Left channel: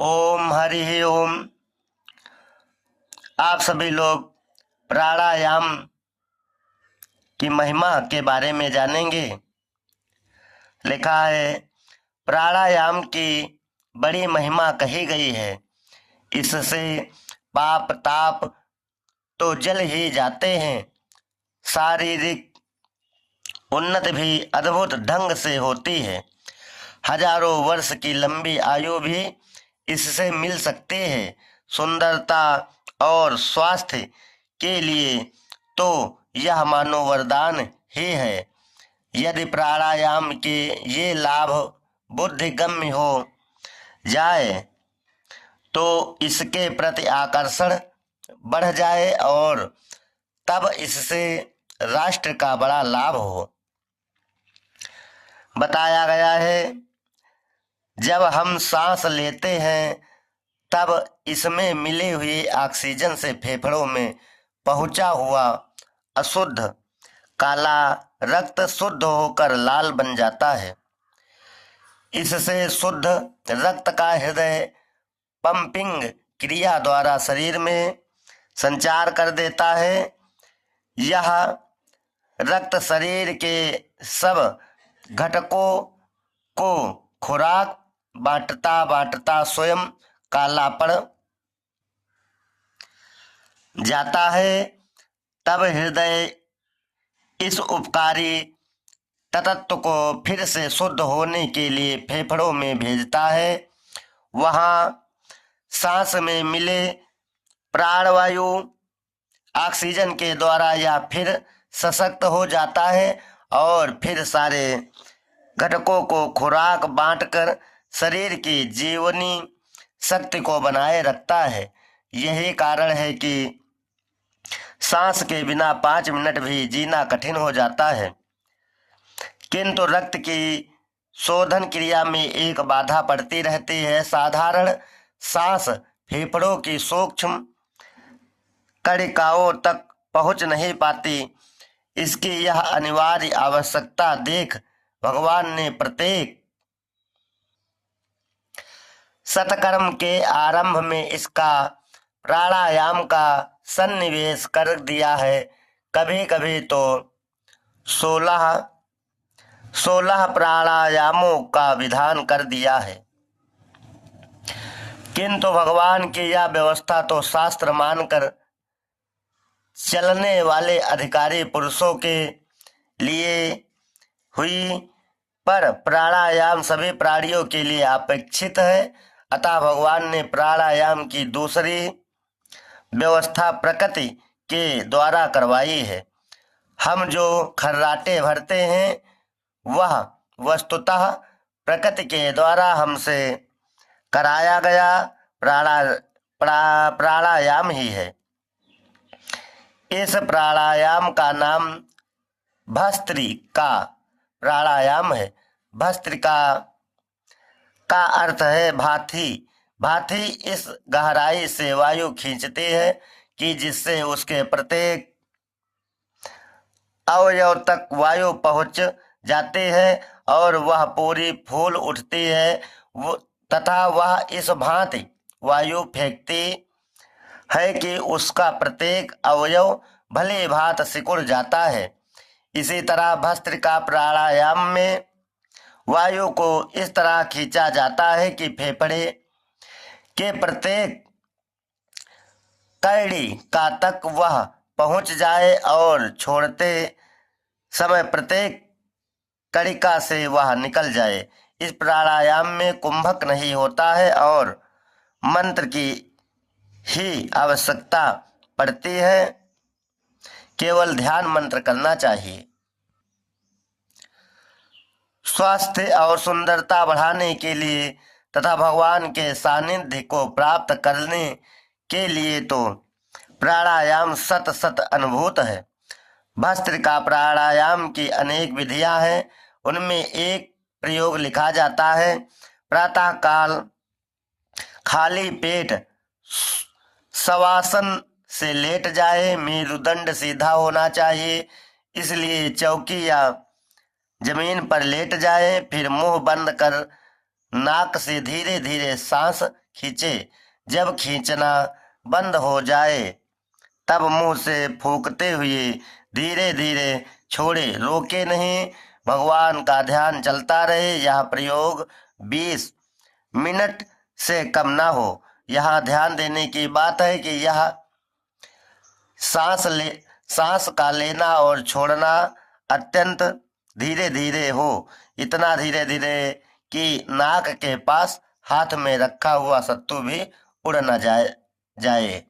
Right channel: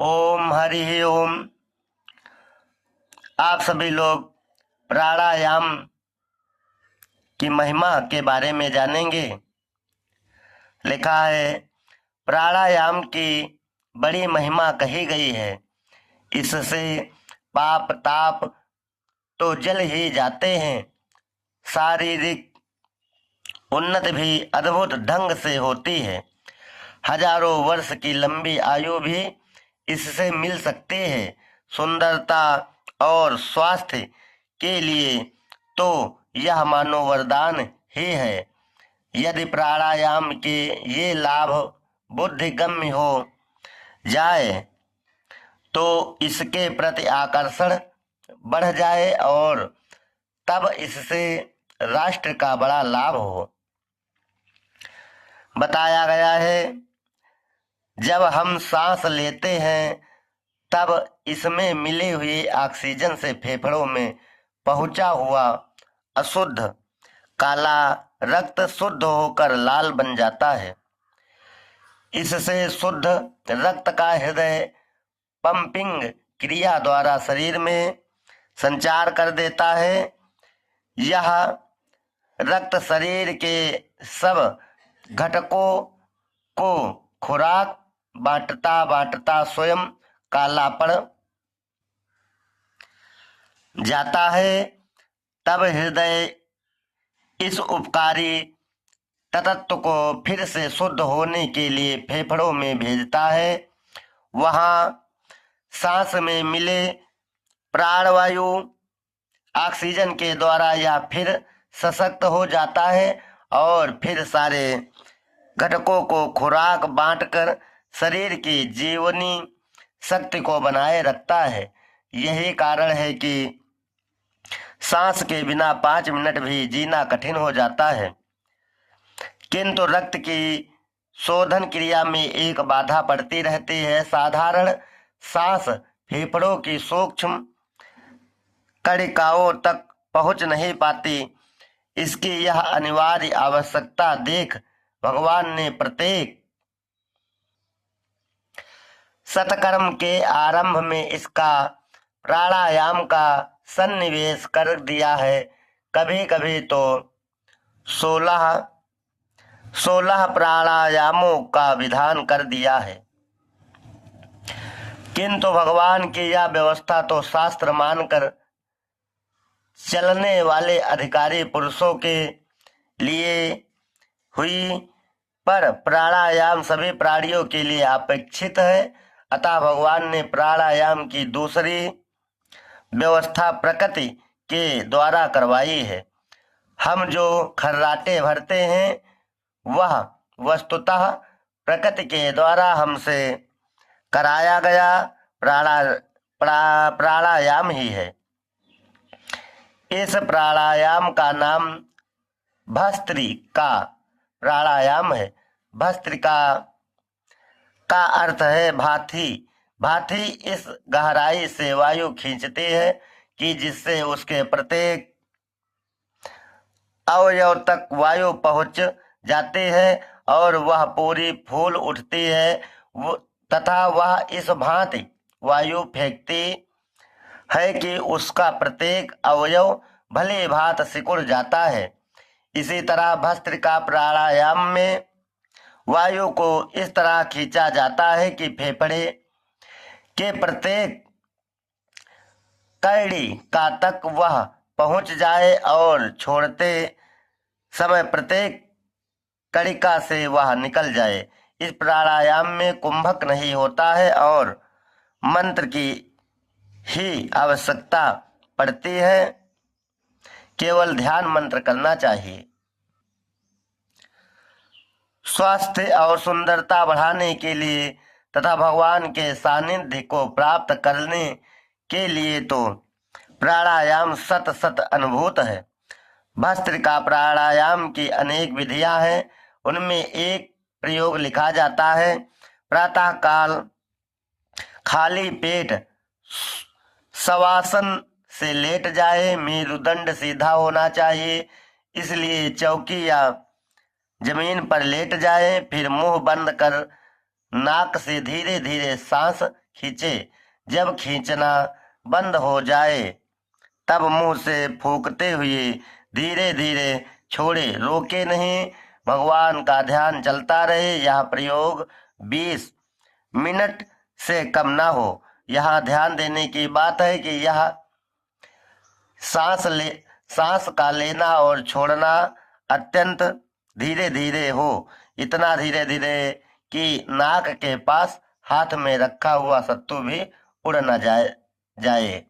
ओम हरि ओम। आप सभी लोग प्राणायाम की महिमा के बारे में जानेंगे। लिखा है, प्राणायाम की बड़ी महिमा कही गई है। इससे पाप ताप तो जल ही जाते हैं, शारीरिक उन्नति भी अद्भुत ढंग से होती है। हजारों वर्ष की लंबी आयु भी इससे मिल सकती है। सुंदरता और स्वास्थ्य के लिए तो यह मानो वरदान ही है। यदि प्राणायाम के ये लाभ बुद्धिगम्य हो जाए तो इसके प्रति आकर्षण बढ़ जाए और तब इससे राष्ट्र का बड़ा लाभ हो। बताया गया है, जब हम सांस लेते हैं तब इसमें मिली हुई ऑक्सीजन से फेफड़ों में पहुंचा हुआ अशुद्ध काला रक्त शुद्ध होकर लाल बन जाता है। इससे शुद्ध रक्त का हृदय पंपिंग क्रिया द्वारा शरीर में संचार कर देता है। यह रक्त शरीर के सब घटकों को खुराक बांटता बांटता स्वयं काला पड़ जाता है। तब हृदय इस उपकारी तत्व को फिर से शुद्ध होने के लिए फेफड़ों में भेजता है। वहां सांस में मिले प्राणवायु ऑक्सीजन के द्वारा या फिर सशक्त हो जाता है और फिर सारे घटकों को खुराक बांटकर शरीर की जीवनी शक्ति को बनाए रखता है। यही कारण है कि सांस के बिना 5 मिनट भी जीना कठिन हो जाता है। किंतु रक्त की शोधन क्रिया में एक बाधा पड़ती रहती है। साधारण सांस फेफड़ों की सूक्ष्म कणिकाओं तक पहुंच नहीं पाती। इसकी यह अनिवार्य आवश्यकता देख भगवान ने प्रत्येक सत्कर्म के आरंभ में इसका प्राणायाम का सन्निवेश कर दिया है। कभी कभी तो 16 प्राणायामों का विधान कर दिया है। किंतु भगवान की यह व्यवस्था तो शास्त्र मानकर चलने वाले अधिकारी पुरुषों के लिए हुई, पर प्राणायाम सभी प्राणियों के लिए अपेक्षित है। अतः भगवान ने प्राणायाम की दूसरी व्यवस्था प्रकृति के द्वारा करवाई है। हम जो खर्राटे भरते हैं वह वस्तुतः प्रकृति के द्वारा हमसे कराया गया प्राणायाम ही है। इस प्राणायाम का नाम भस्त्रिका प्राणायाम है। भस्त्रिका का अर्थ है भाथी। भाथी इस गहराई से वायु खींचती है कि जिससे उसके प्रत्येक अवयव तक वायु पहुंच जाती है और वह पूरी फूल उठती है तथा वह इस भांति वायु फेंकती है कि उसका प्रत्येक अवयव भली भांति सिकुड़ जाता है। इसी तरह भस्त्रिका प्राणायाम में वायु को इस तरह खींचा जाता है कि फेफड़े के प्रत्येक कड़ी का तक वह पहुंच जाए और छोड़ते समय प्रत्येक कड़िका से वह निकल जाए। इस प्राणायाम में कुंभक नहीं होता है और मंत्र की ही आवश्यकता पड़ती है। केवल ध्यान मंत्र करना चाहिए। स्वास्थ्य और सुंदरता बढ़ाने के लिए तथा भगवान के सानिध्य को प्राप्त करने के लिए तो प्राणायाम सत सत अनुभूत है। भस्त्रिका प्राणायाम की अनेक विधियां हैं। उनमें एक प्रयोग लिखा जाता है, प्रातः काल खाली पेट शवासन से लेट जाए। मेरुदंड सीधा होना चाहिए, इसलिए चौकी या जमीन पर लेट जाए। फिर मुंह बंद कर नाक से धीरे धीरे सांस खींचे। जब खींचना बंद हो जाए तब मुंह से फूंकते हुए धीरे धीरे छोड़े, रोके नहीं। भगवान का ध्यान चलता रहे। यह प्रयोग 20 मिनट से कम ना हो। यहाँ ध्यान देने की बात है कि यह सांस का लेना और छोड़ना अत्यंत धीरे धीरे हो। इतना धीरे धीरे कि नाक के पास हाथ में रखा हुआ सत्तू भी उड़ न जाए।